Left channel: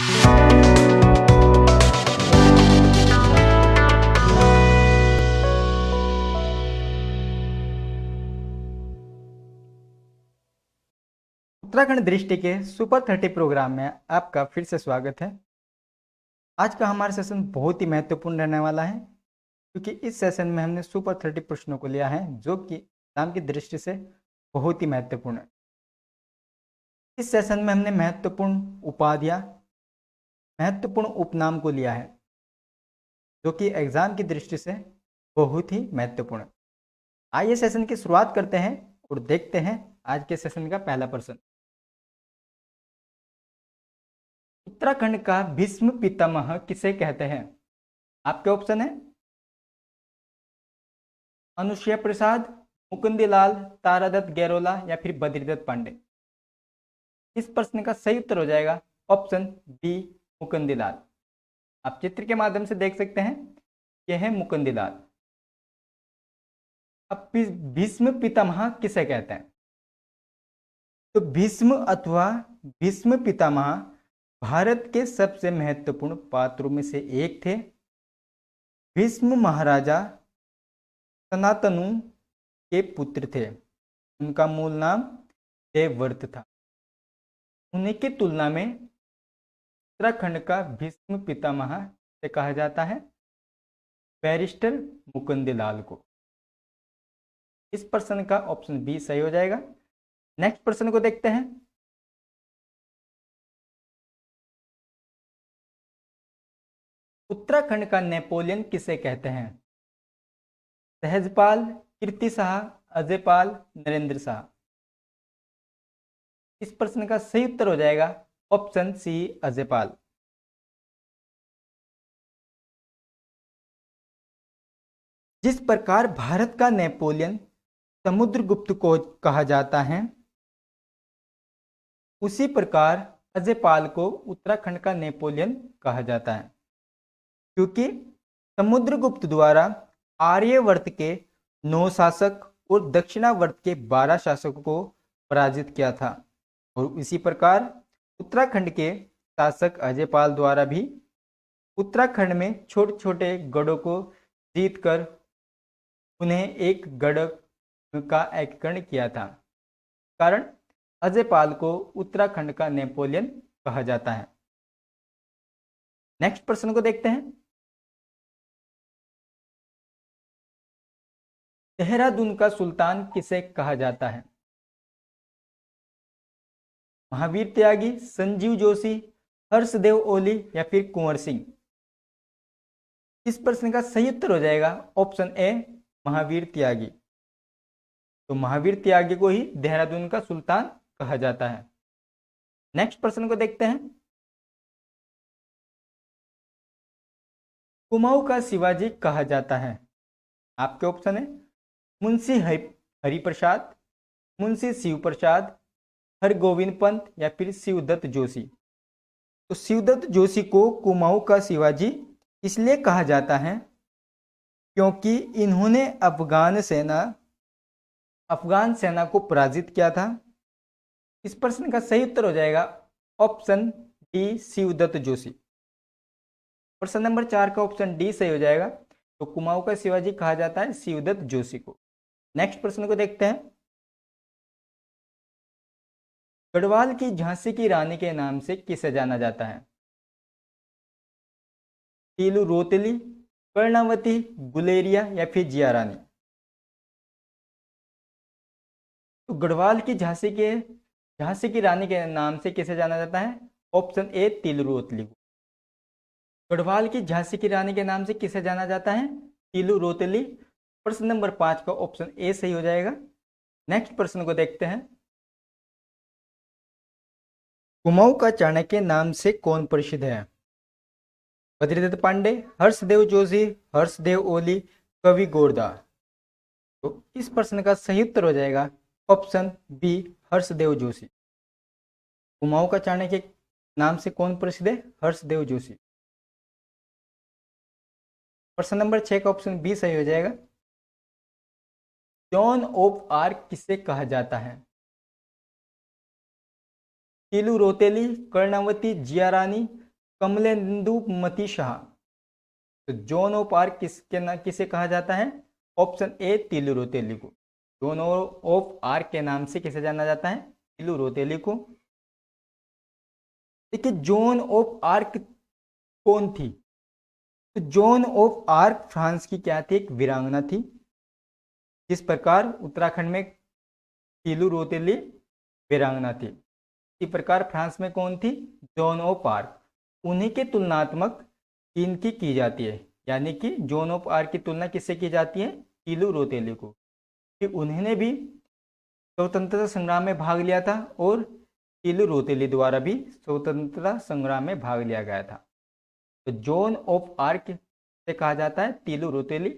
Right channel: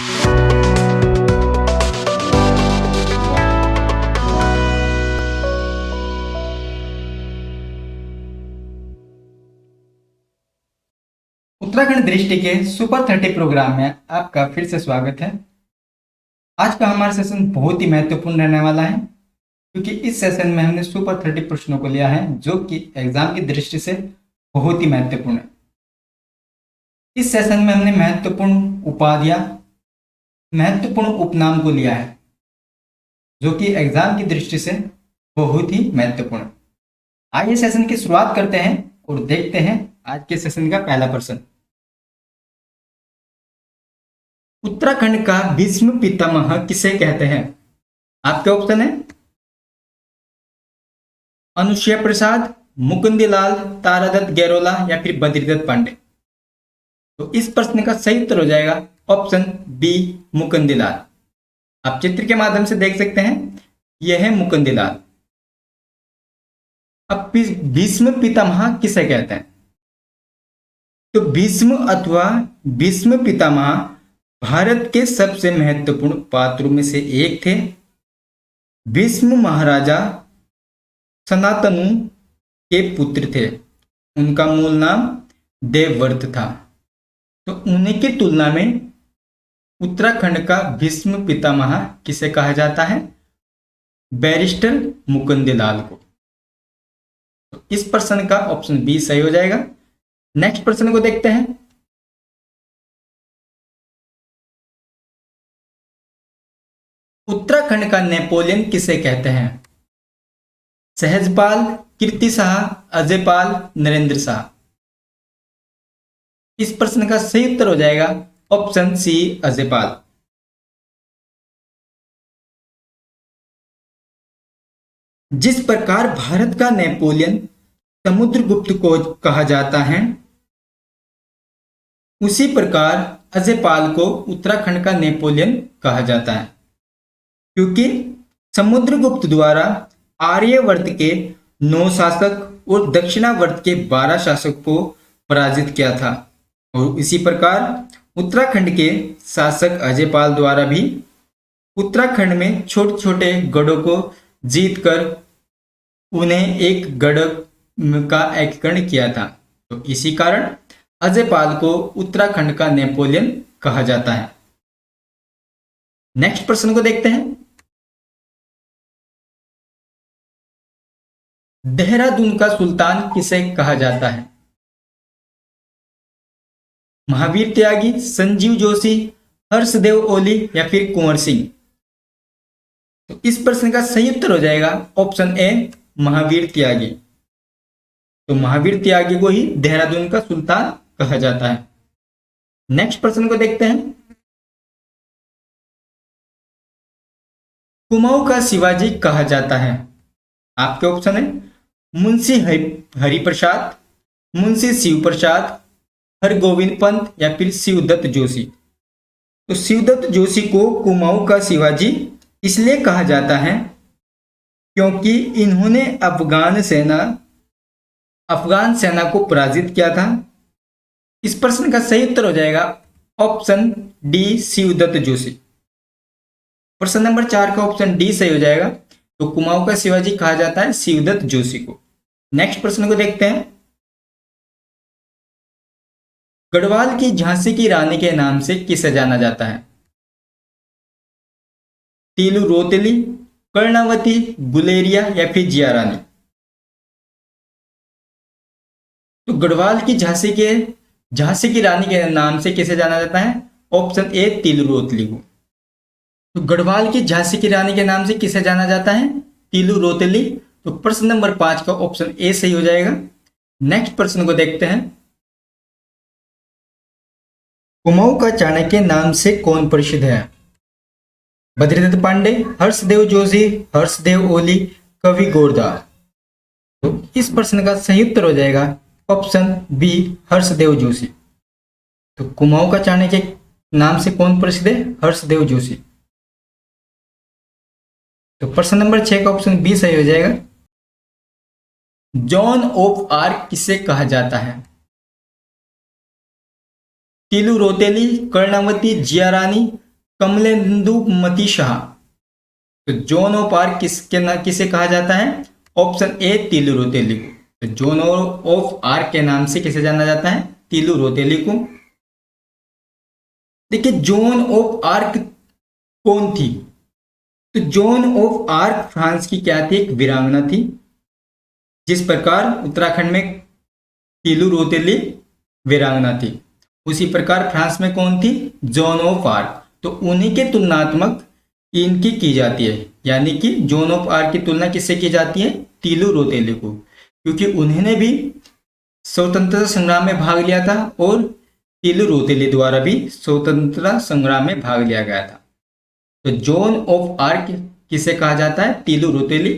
उत्तराखंड दृष्टि के super 30 programme में आपका फिर से स्वागत है। आज का हमारा सेशन बहुत ही महत्वपूर्ण रहने वाला है, क्योंकि इस सेशन में हमने सुपर 30 प्रश्नों को लिया है जो कि एग्जाम की दृष्टि से बहुत ही महत्वपूर्ण है। इस सेशन में हमने महत्वपूर्ण उपाधियां, महत्वपूर्ण उपनाम को लिया है जो कि एग्जाम की दृष्टि से बहुत ही महत्वपूर्ण है। आइए सेशन की शुरुआत करते हैं और देखते हैं आज के सेशन का पहला प्रश्न। उत्तराखंड का भीष्म पितामह किसे कहते हैं? आपके ऑप्शन है अनुसुया प्रसाद, मुकुंदलाल, तारादत्त गैरोला या फिर बद्रीदत्त पांडे। तो इस प्रश्न का सही उत्तर हो जाएगा ऑप्शन बी, मुकुंदलाल। आप चित्र के माध्यम से देख सकते हैं, यह है मुकुंदलाल। अब भीष्म पितामह किसे कहते हैं? तो भीष्म अथवा भीष्म पितामह भारत के सबसे महत्वपूर्ण पात्रों में से एक थे। भीष्म महाराजा सनातनु के पुत्र थे। उनका मूल नाम देवव्रत था। तो उन्हीं की तुलना में उत्तराखंड का भीष्म पितामह किसे कहा जाता है? बैरिस्टर मुकुंदलाल को। तो इस प्रश्न का ऑप्शन बी सही हो जाएगा। नेक्स्ट प्रश्न को देखते हैं। उत्तराखंड का नेपोलियन किसे कहते हैं? सहजपाल, कीर्ति शाह, अजयपाल, नरेंद्र शाह। इस प्रश्न का सही उत्तर हो जाएगा ऑप्शन सी, अजयपाल। जिस प्रकार भारत का नेपोलियन समुद्रगुप्त को कहा जाता है, उसी प्रकार अजयपाल को उत्तराखंड का नेपोलियन कहा जाता है, क्योंकि समुद्रगुप्त द्वारा आर्यवर्त के 9 शासक और दक्षिणावर्त के 12 शासक को पराजित किया था। और इसी प्रकार उत्तराखंड के शासक अजयपाल द्वारा भी उत्तराखंड में छोटे छोटे गढ़ों को जीतकर उन्हें एक गढ़ का एकीकरण किया था। तो इसी कारण अजयपाल को उत्तराखंड का नेपोलियन कहा जाता है। नेक्स्ट प्रश्न को देखते हैं। देहरादून का सुल्तान किसे कहा जाता है? महावीर त्यागी, संजीव जोशी, हर्षदेव ओली या फिर कुंवर सिंह। तो इस प्रश्न का सही उत्तर हो जाएगा ऑप्शन ए, महावीर त्यागी। तो महावीर त्यागी को ही देहरादून का सुल्तान कहा जाता है। नेक्स्ट प्रश्न को देखते हैं। कुमाऊं का शिवाजी कहा जाता है? आपके ऑप्शन है मुंशी हरिप्रसाद, मुंशी शिव प्रसाद, हरगोविंद पंत या फिर शिवदत्त जोशी। तो शिवदत्त जोशी को कुमाऊं का शिवाजी इसलिए कहा जाता है क्योंकि इन्होंने अफगान सेना को पराजित किया था। इस प्रश्न का सही उत्तर हो जाएगा ऑप्शन डी, शिवदत्त जोशी। प्रश्न नंबर 4 का ऑप्शन डी सही हो जाएगा। तो कुमाऊं का शिवाजी कहा जाता है शिवदत्त जोशी को। नेक्स्ट प्रश्न को देखते हैं। गढ़वाल की झांसी की रानी के नाम से किसे जाना जाता है? तीलू रोतली, कर्णावती, गुलेरिया या फिर जिया रानी। तो गढ़वाल की झांसी की रानी के नाम से किसे जाना जाता है? ऑप्शन ए, तीलू रोतली को। तो गढ़वाल की झांसी की रानी के नाम से किसे जाना जाता है? तीलू रोतली। तो प्रश्न नंबर 5 का ऑप्शन ए सही हो जाएगा। नेक्स्ट प्रश्न को देखते हैं। कुमाऊं का चाणक्य नाम से कौन प्रसिद्ध है? बद्रीदत्त पांडे, हर्षदेव जोशी, हर्षदेव ओली, कवि गोरदास। तो इस प्रश्न का सही उत्तर हो जाएगा ऑप्शन बी, हर्षदेव जोशी। तो कुमाऊं का चाणक्य नाम से कौन प्रसिद्ध है? हर्षदेव जोशी। तो प्रश्न नंबर 6 का ऑप्शन बी सही हो जाएगा। जॉन ऑफ आर्क किसे कहा जाता है? तीलू रोतेली, कर्णावती, जिया रानी, कमलेंदुमती शाह। तो जोन ऑफ आर्क किसे कहा जाता है? ऑप्शन ए तिलु रोतेली को। तो जोन ऑफ आर्क के नाम से किसे जाना जाता है? तिलु रोतेली को। देखिए जोन ऑफ आर्क कौन थी? तो जोन ऑफ आर्क फ्रांस की क्या थी? एक वीरांगना थी। जिस प्रकार उत्तराखंड में तिलु रोतेली वीरांगना थी, उसी प्रकार फ्रांस में कौन थी? Zone of arc. तो उन्हीं के तुलनात्मक इनकी की जाती है, यानी कि जोन ऑफ आर्क की तुलना किससे की जाती है? तिलु रोतेली को, क्योंकि उन्होंने भी स्वतंत्रता संग्राम में भाग लिया था और तिलु रोतेली द्वारा भी स्वतंत्रता संग्राम में भाग लिया गया था। तो जोन ऑफ आर्क किसे कहा जाता है? तिलु रोतेली।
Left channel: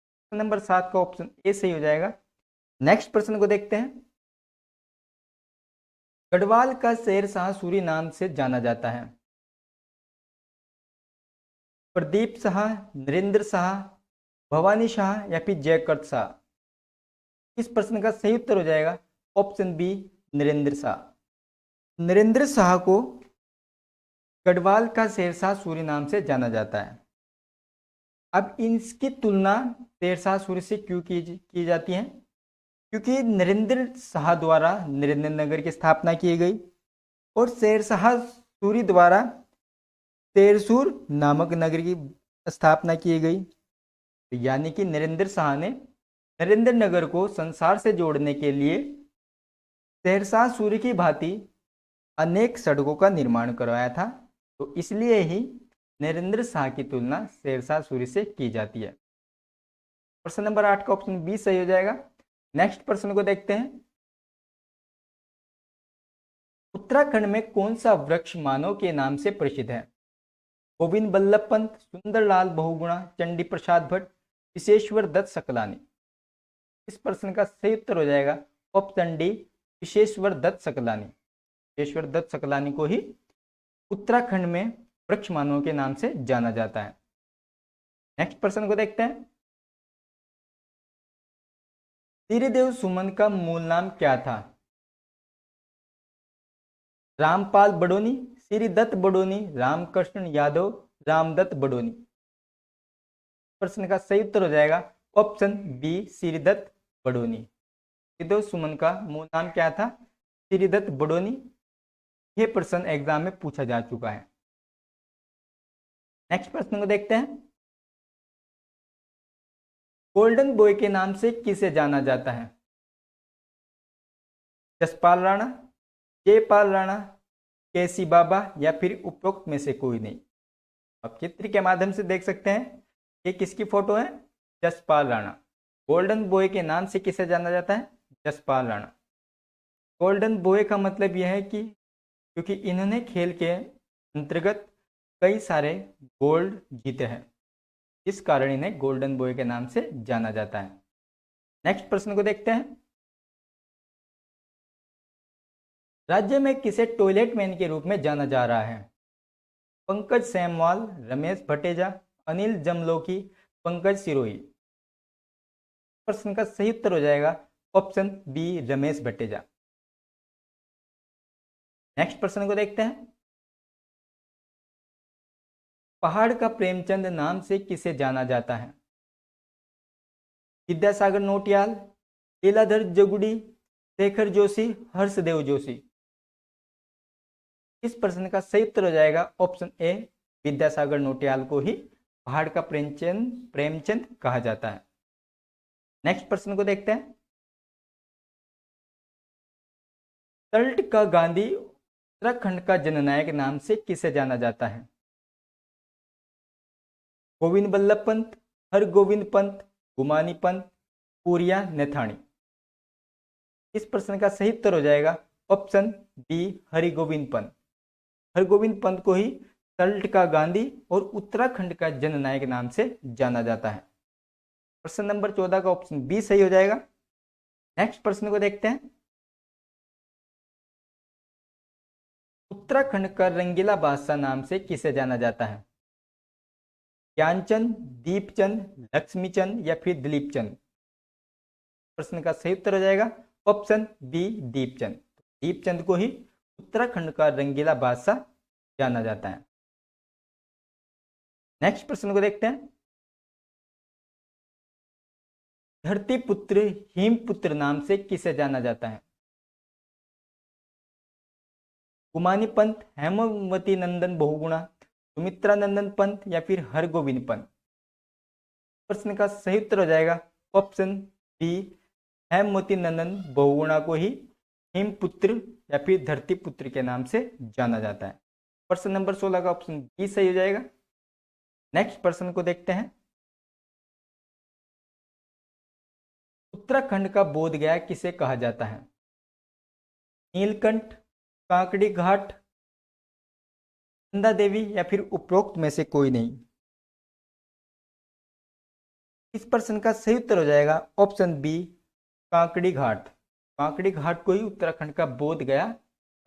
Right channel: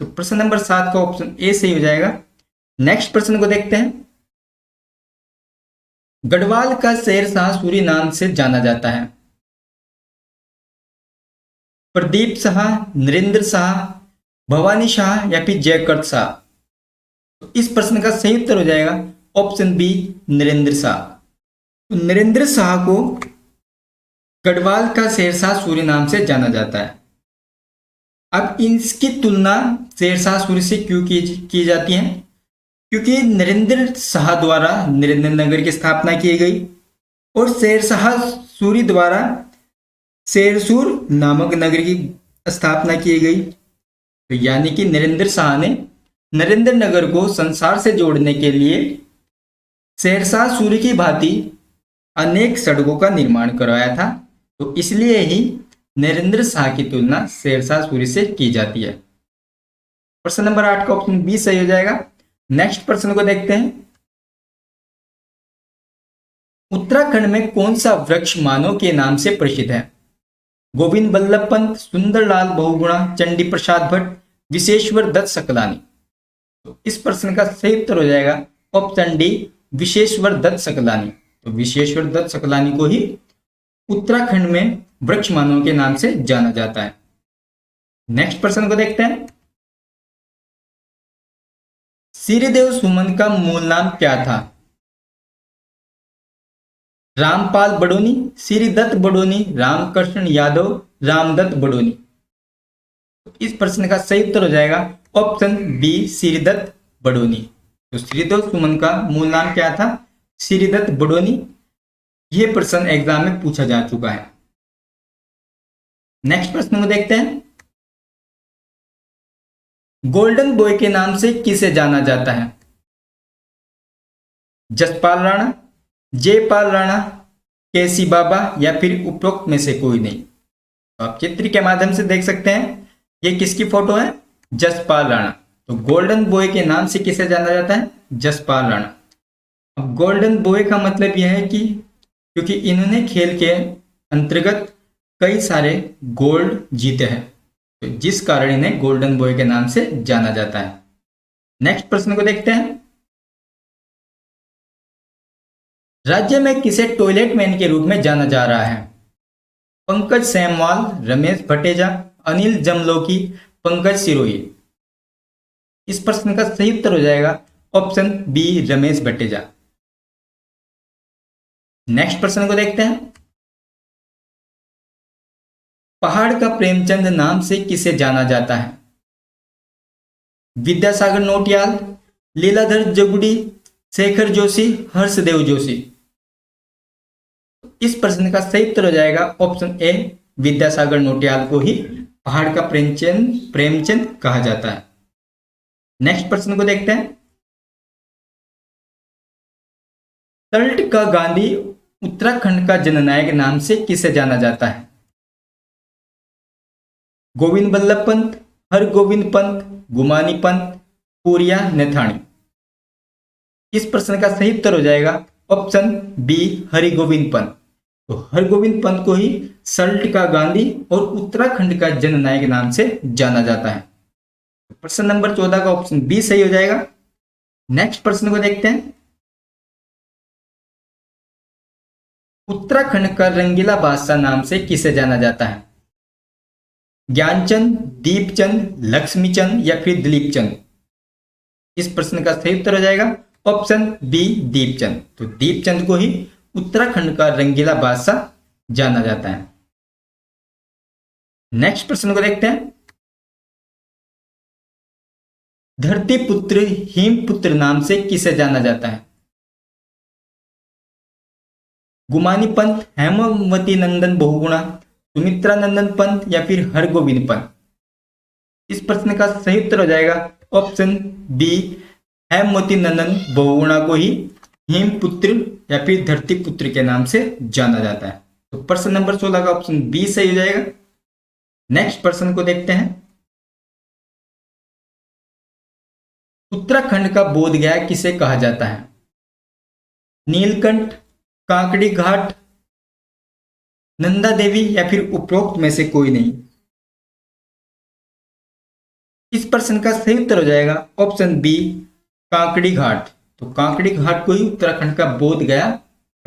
तो प्रश्न नंबर 7 का ऑप्शन ए सही हो जाएगा। नेक्स्ट प्रश्न को देखते हैं। गढ़वाल का शेरशाह सूरी नाम से जाना जाता है। प्रदीप शाह, नरेंद्र शाह, भवानी शाह या फिर जयकर्त शाह। तो इस प्रश्न का सही उत्तर हो जाएगा ऑप्शन बी नरेंद्र शाह। तो नरेंद्र शाह को गढ़वाल का शेरशाह सूरी नाम से जाना जाता है। अब इसकी तुलना शेरशाह सूरी से क्यों की जाती है? क्योंकि नरेंद्र शाह द्वारा नरेंद्र नगर की स्थापना की गई और शेरशाह सूरी द्वारा शेरसूर नामक नगर की स्थापना की गई। तो यानी कि नरेंद्र शाह ने नरेंद्र नगर को संसार से जोड़ने के लिए शेरशाह सूरी की भांति अनेक सड़कों का निर्माण करवाया था। तो इसलिए ही नरेंद्र शाह की तुलना शेरशाह सूरी से की जाती है। प्रश्न नंबर 8 का ऑप्शन बी सही हो जाएगा। नेक्स्ट प्रश्न को देखते हैं। उत्तराखंड में कौन सा वृक्ष मानव के नाम से प्रसिद्ध है? गोविंद बल्लभ पंत, सुंदरलाल बहुगुणा, चंडी प्रसाद भट्ट, विशेश्वर दत्त सकलानी। तो इस प्रश्न का सही उत्तर हो जाएगा ऑप्शन डी विशेश्वर दत्त सकलानी। तो विशेश्वर दत्त सकलानी को ही उत्तराखंड में वृक्ष मानव के नाम से जाना जाता है। नेक्स्ट प्रश्न को देखते हैं। श्रीदेव सुमन का मूल नाम क्या था? रामपाल बडोनी, श्रीदत्त बडोनी, रामकृष्ण यादव, रामदत्त बडोनी। इस प्रश्न का सही उत्तर हो जाएगा ऑप्शन बी श्रीदत्त बडोनी। तो श्रीदेव सुमन का मूल नाम क्या था? श्रीदत्त बडोनी। यह प्रश्न एग्जाम में पूछा जा चुका है। नेक्स्ट प्रश्न को देखते हैं। गोल्डन बॉय के नाम से किसे जाना जाता है? जसपाल राणा, जयपाल राणा, केसी बाबा या फिर उपरोक्त में से कोई नहीं। तो आप चित्र के माध्यम से देख सकते हैं ये किसकी फोटो है? जसपाल राणा। तो गोल्डन बॉय के नाम से किसे जाना जाता है? जसपाल राणा। अब गोल्डन बॉय का मतलब यह है कि क्योंकि इन्होंने खेल के अंतर्गत कई सारे गोल्ड जीते हैं, तो जिस कारण इन्हें गोल्डन बॉय के नाम से जाना जाता है। नेक्स्ट प्रश्न को देखते हैं। राज्य में किसे टॉयलेट मैन के रूप में जाना जा रहा है? पंकज सेमवाल, रमेश भटेजा, अनिल जमलोकी, पंकज सिरोही। इस प्रश्न का सही उत्तर हो जाएगा option B Ramesh Bhateja. Next प्रश्न को देखते हैं। पहाड़ का प्रेमचंद नाम से किसे जाना जाता है? विद्यासागर नोटियाल, लीलाधर जगुड़ी, शेखर जोशी, हर्षदेव जोशी। इस प्रश्न का सही उत्तर हो जाएगा ऑप्शन ए विद्यासागर नोटियाल को ही पहाड़ का प्रेमचंद कहा जाता है। नेक्स्ट प्रश्न को देखते हैं। तल्ट का गांधी उत्तराखंड का जननायक नाम से किसे जाना जाता है? गोविंद बल्लभ पंत, हरगोविंद पंत, गुमानी पंत, पूरिया नेथानी। इस प्रश्न का सही उत्तर हो जाएगा ऑप्शन बी हरिगोविंद पंत। तो हरगोविंद पंत को ही सल्ट का गांधी और उत्तराखंड का जननायक नाम से जाना जाता है। प्रश्न नंबर 14 का ऑप्शन बी सही हो जाएगा। नेक्स्ट प्रश्न को देखते हैं। उत्तराखंड का रंगीला बादशाह नाम से किसे जाना जाता है? ज्ञानचंद, दीपचंद, लक्ष्मीचंद या फिर दिलीपचंद। इस प्रश्न का सही उत्तर हो जाएगा ऑप्शन बी दीपचंद। तो दीपचंद को ही उत्तराखंड का रंगीला बादशाह जाना जाता है। नेक्स्ट प्रश्न को देखते हैं। धरती पुत्र हिमपुत्र नाम से किसे जाना जाता है? गुमानी पंत, हेमवती नंदन बहुगुणा, सुमित्रा नंदन पंत या फिर हरगोविंद पंत? इस प्रश्न का सही उत्तर हो जाएगा ऑप्शन बी, हेमवती नंदन बहुगुणा को ही हिमपुत्र या फिर धरती पुत्र के नाम से जाना जाता है। तो प्रश्न नंबर 16 का ऑप्शन बी सही हो जाएगा। नेक्स्ट प्रश्न को देखते हैं। उत्तराखंड का बोध गया किसे कहा जाता है? नीलकंठ, काकड़ी घाट, नंदा देवी या फिर उपरोक्त में से कोई नहीं? इस प्रश्न का सही उत्तर हो जाएगा ऑप्शन बी, काकड़ी घाट। तो काकड़ी घाट को ही उत्तराखंड का बोध गया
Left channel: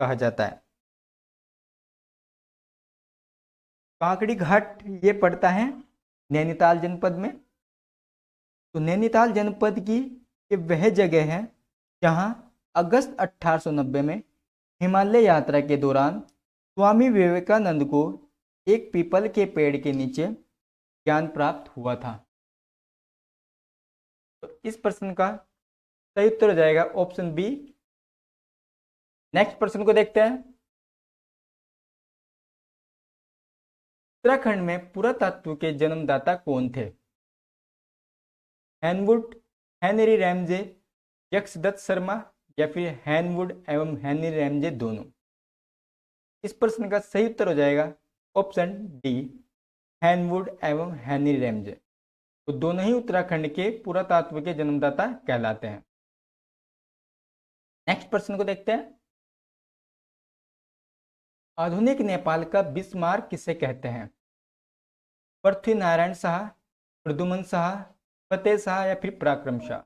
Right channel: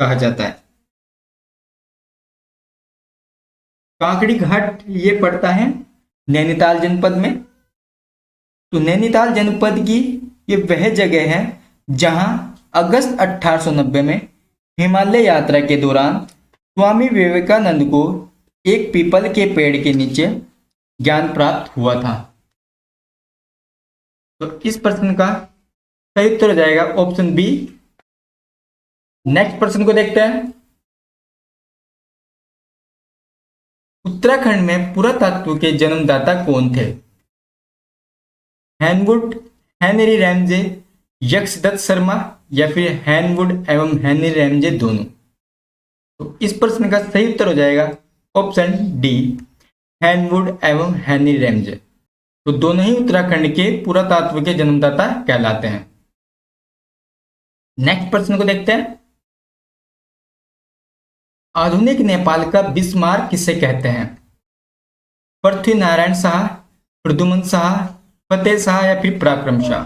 कहा जाता है। काकड़ी घाट ये पड़ता है नैनीताल जनपद में। तो नैनीताल जनपद की ये वह जगह है जहां अगस्त 1890 में हिमालय यात्रा के दौरान स्वामी विवेकानंद को एक पीपल के पेड़ के नीचे ज्ञान प्राप्त हुआ था। तो इस प्रश्न का सही उत्तर हो जाएगा ऑप्शन बी। नेक्स्ट प्रश्न को देखते हैं। उत्तराखंड में पुरातत्व के जन्मदाता कौन थे? हैनवुड, हेनरी रैमजे, यक्षदत्त शर्मा या फिर हैनवुड एवं हेनरी रैमजे दोनों? तो इस प्रश्न का सही उत्तर हो जाएगा ऑप्शन डी, हैनवुड एवं हेनरी रैमजे। तो दोनों ही उत्तराखंड के पुरातत्व के जन्मदाता कहलाते हैं। नेक्स्ट प्रश्न को देखते हैं। आधुनिक नेपाल का बिस्मार्क किसे कहते हैं? पृथ्वी नारायण शाह, प्रद्युमन शाह, फतेह शाह या फिर पराक्रम शाह?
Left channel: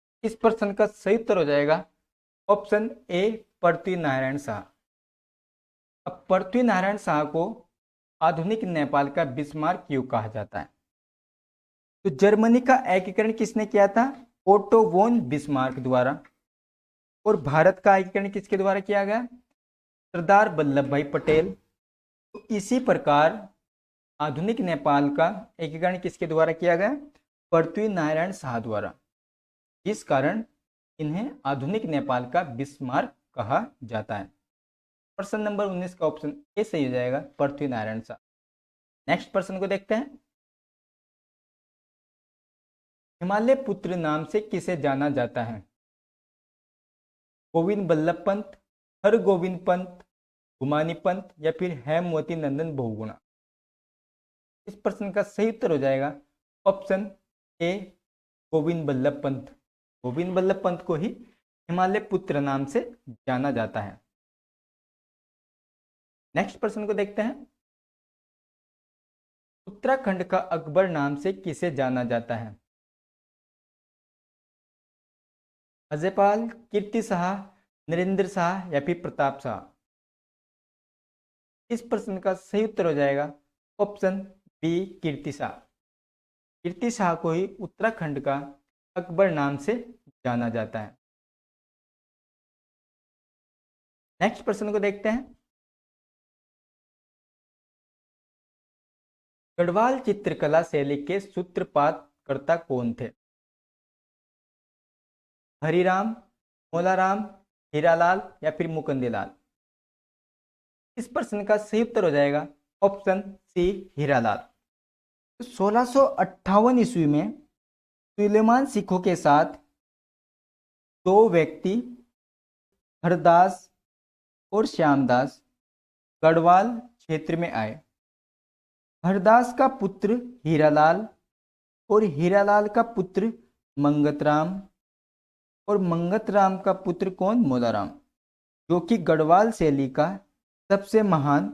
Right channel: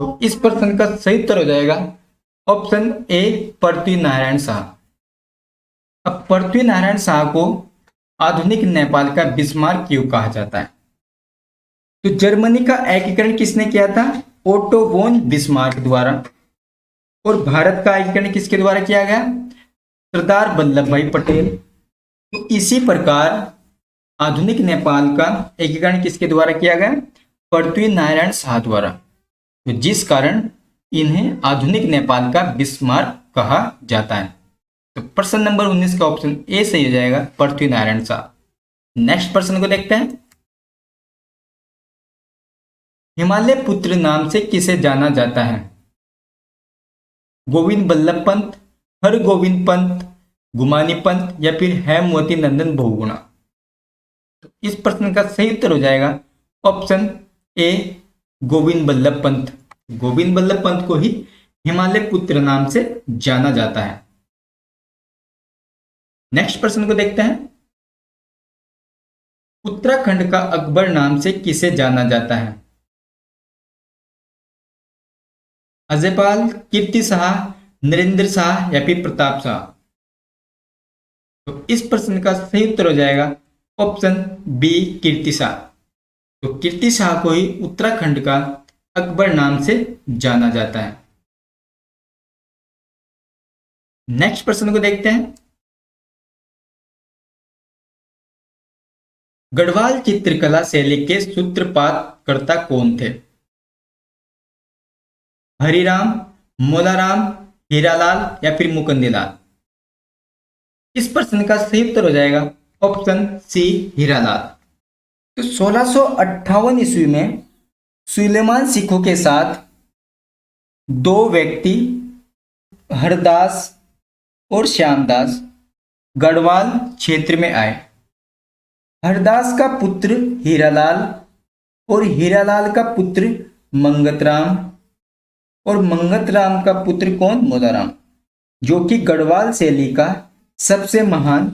तो इस प्रश्न का सही उत्तर हो जाएगा ऑप्शन ए, पृथ्वी नारायण शाह। अब पृथ्वी नारायण शाह को आधुनिक नेपाल का बिस्मार्क क्यों कहा जाता है? तो जर्मनी का एकीकरण किसने किया था? ओटो वोन बिस्मार्क द्वारा। और भारत का एकीकरण किसके द्वारा किया गया? सरदार वल्लभ भाई पटेल। तो इसी प्रकार आधुनिक नेपाल का एकीकरण किसके द्वारा किया गया? पृथ्वी नारायण शाह द्वारा। तो जिस कारण इन्हें आधुनिक नेपाल का बिस्मार्क कहा जाता है। तो प्रश्न नंबर 19 का ऑप्शन ए सही हो जाएगा, पृथ्वी नारायण शाह। नेक्स्ट प्रश्न को देखते हैं। हिमालय पुत्र नाम से किसे जाना जाता है? गोविंद बल्लभ पंत, हरगोविंद पंत, गुमानी पंत या फिर हेमवती नंदन बहुगुणा? तो इस प्रश्न का सही उत्तर हो जाएगा ऑप्शन ए, गोविंद बल्लभ पंत। गोविंद बल्लभ पंत को ही हिमालय पुत्र नाम से जाना जाता है। नेक्स्ट प्रश्न को देखते हैं। उत्तराखंड का अकबर नाम से किसे जाना जाता है? अजयपाल, कीर्ति शाह, नरेंद्र शाह या फिर प्रताप शाह? तो इस प्रश्न का सही उत्तर हो जाएगा ऑप्शन बी, कीर्ति शाह। तो कीर्ति शाह को ही उत्तराखंड का अकबर नाम से जाना जाता है। नेक्स्ट प्रश्न को देखते हैं। गढ़वाल चित्रकला शैली के सूत्रपात कर्ता कौन थे? हरिराम, मोलाराम, हीरालाल या फिर मुकुंदलाल? इस प्रश्न का सही उत्तर हो जाएगा ऑप्शन सी, हीरालाल। तो 1658 ईस्वी में सुलेमान सिखों के साथ दो व्यक्ति हरदास और श्यामदास गढ़वाल क्षेत्र में आए। हरदास का पुत्र हीरालाल और हीरालाल का पुत्र मंगतराम और मंगतराम का पुत्र कौन? मोदाराम, जो कि गढ़वाल शैली का सबसे महान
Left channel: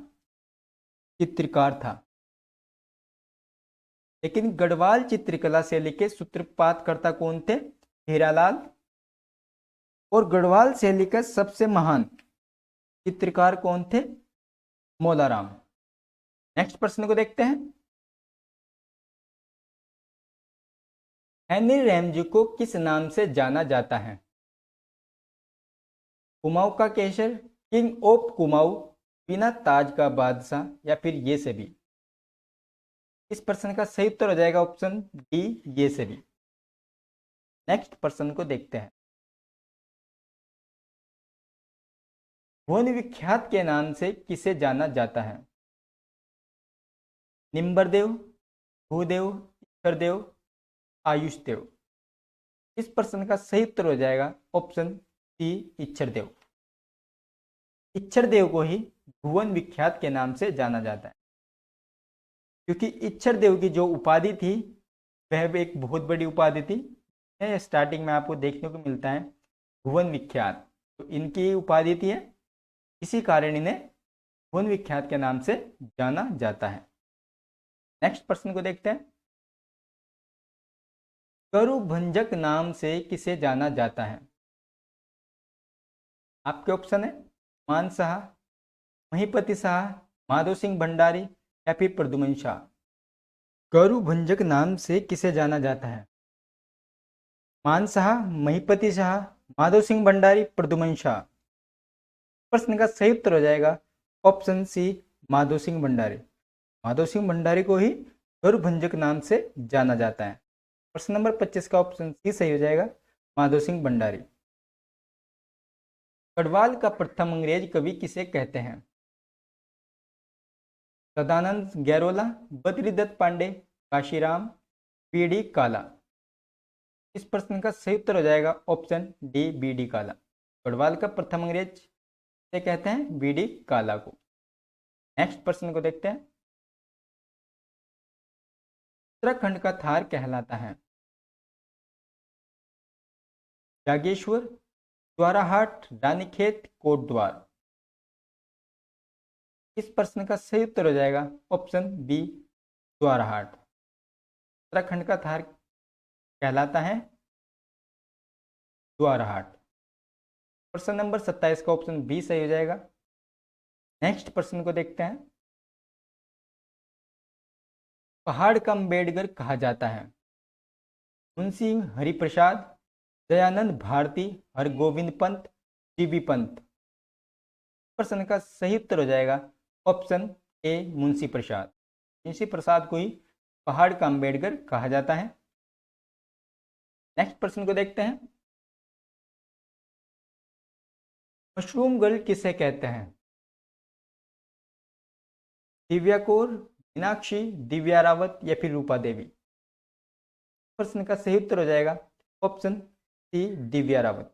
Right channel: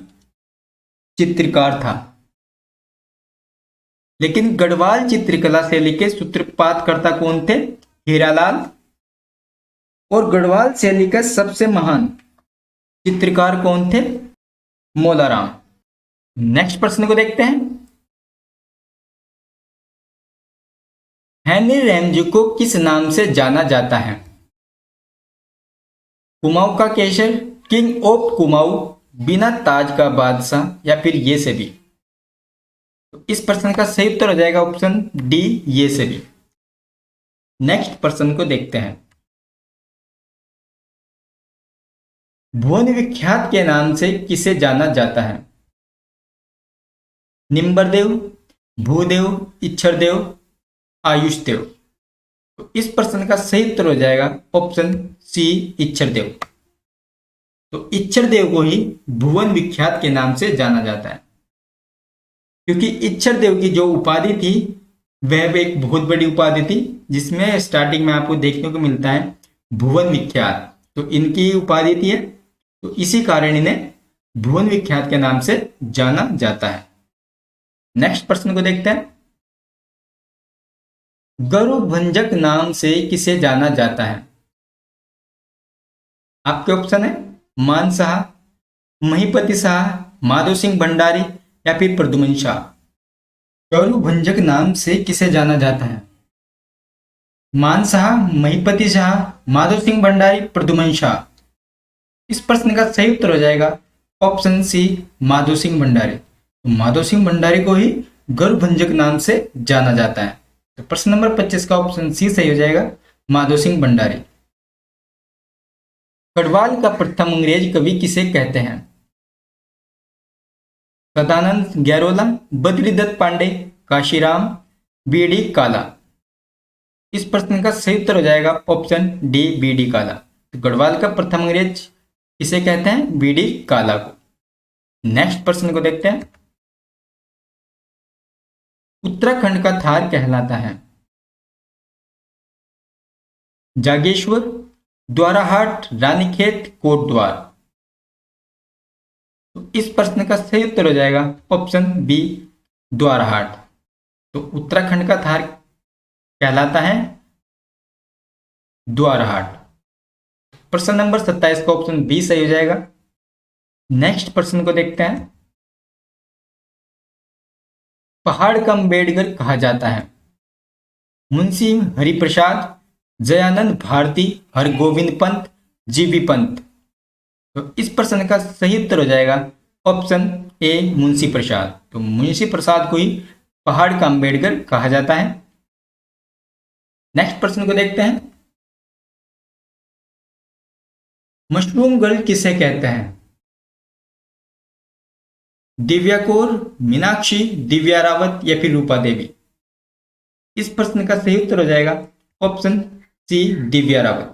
चित्रकार था। लेकिन गढ़वाल चित्रकला शैली के सूत्रपातकर्ता कौन थे? हीरालाल। और गढ़वाल शैली का सबसे महान चित्रकार कौन थे? मोदाराम। नेक्स्ट प्रश्न को देखते हैं। हेनरी रैमजे को किस नाम से जाना जाता है? कुमाऊं का केसर, किंग, ऑफ कुमाऊं, बिना ताज का बादशाह या फिर ये सभी? तो इस प्रश्न का सही उत्तर हो जाएगा ऑप्शन डी, ये सभी। नेक्स्ट प्रश्न को देखते हैं। भुवन विख्यात के नाम से किसे जाना जाता है? निम्बरदेव, भूदेव, इच्छरदेव, आयुषदेव। तो इस प्रश्न का सही उत्तर हो जाएगा ऑप्शन सी, इच्छरदेव। तो इच्छरदेव को ही भुवन विख्यात के नाम से जाना जाता है, क्योंकि इच्छरदेव की जो उपाधि थी वह एक बहुत बड़ी उपाधि थी, जिसमें स्टार्टिंग में आपको देखने को मिलता है भुवन विख्यात। तो इनकी उपाधि थी, तो इसी कारण इन्हें भुवन विख्यात के नाम से जाना जाता है। नेक्स्ट प्रश्न को देखते हैं। गरुभंजक नाम से किसे जाना जाता है? आपके ऑप्शन है मान शाह, महीपति शाह, माधो सिंह भंडारी या फिर प्रद्युमन शाह। गरुभंजक नाम से किसे जाना जाता है? मान शाह, महीपति शाह, माधो सिंह भंडारी, प्रद्युमन शाह। इस प्रश्न का सही उत्तर हो जाएगा ऑप्शन सी, माधो सिंह भंडारी। तो माधो सिंह भंडारी को ही गरुभंजक नाम से जाना जाता है। तो प्रश्न नंबर 25 का ऑप्शन सी सही हो जाएगा, माधो सिंह भंडारी। गढ़वाल का प्रथम अंग्रेज कवि किसे कहते हैं? सदानंद गैरोला, बद्रीदत्त पांडे, काशीराम, बीडी काला। इस प्रश्न का सही उत्तर हो जाएगा ऑप्शन डी, बीडी काला। तो गढ़वाल का प्रथम अंग्रेज किसे कहते हैं? बीडी काला को। नेक्स्ट प्रश्न को देखते हैं। उत्तराखंड का थार कहलाता है? जागेश्वर, द्वाराहाट, रानीखेत, कोटद्वार। तो इस प्रश्न का सही उत्तर हो जाएगा ऑप्शन बी, द्वाराहाट। तो उत्तराखंड का थार कहलाता है द्वाराहाट। प्रश्न नंबर 27 का ऑप्शन बी सही हो जाएगा। नेक्स्ट प्रश्न को देखते हैं। पहाड़ का अम्बेडकर कहा जाता है? मुंशी हरिप्रसाद, जयानंद भारती, हरगोविंद पंत, जीबी पंत। तो इस प्रश्न का सही उत्तर हो जाएगा ऑप्शन ए, मुंशी प्रसाद। तो मुंशी प्रसाद को ही पहाड़ का अम्बेडकर कहा जाता है। नेक्स्ट प्रश्न को देखते हैं। मशरूम गर्ल किसे कहते हैं? दिव्या कौर, मीनाक्षी, दिव्या रावत या फिर रूपा देवी। इस प्रश्न का सही उत्तर हो जाएगा ऑप्शन सी, दिव्या रावत।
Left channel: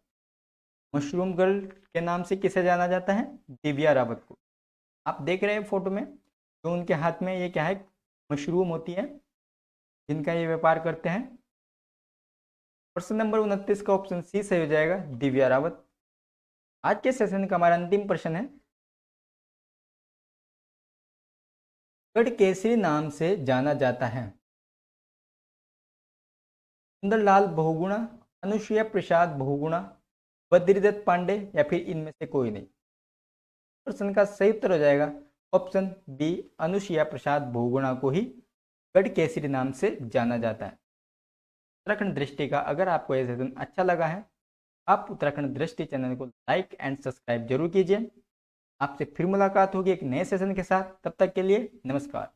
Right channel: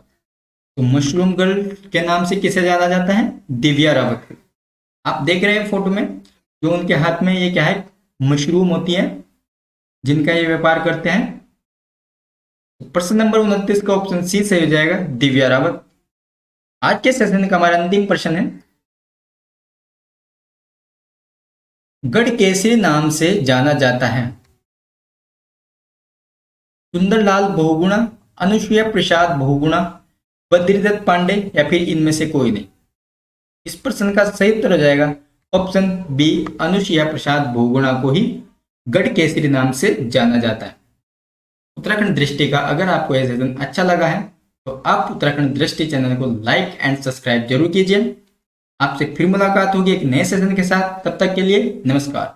तो मशरूम गर्ल के नाम से किसे जाना जाता है? दिव्या रावत। आप देख रहे हैं फोटो में, जो उनके हाथ में ये क्या है, मशरूम होती है, जिनका ये व्यापार करते हैं। प्रश्न नंबर 29 का ऑप्शन सी सही हो जाएगा, दिव्या रावत। आज के सेशन का हमारा अंतिम प्रश्न है। गढ़केसरी नाम से जाना जाता है? सुंदरलाल बहुगुणा, अनुसुईया प्रसाद बहुगुणा, बद्रीदत्त पांडे या फिर इनमें से कोई नहीं। इस प्रश्न का सही उत्तर हो जाएगा ऑप्शन बी, अनुसुईया प्रसाद बहुगुणा को ही गढ़केसरी नाम से जाना जाता है। उत्तराखंड दृष्टि का अगर आपको यह सेशन अच्छा लगा है तो आप उत्तराखंड दृष्टि चैनल को लाइक एंड सब्सक्राइब जरूर कीजिए। आपसे फिर मुलाकात होगी एक नए सेशन के साथ। तब तक के लिए नमस्कार।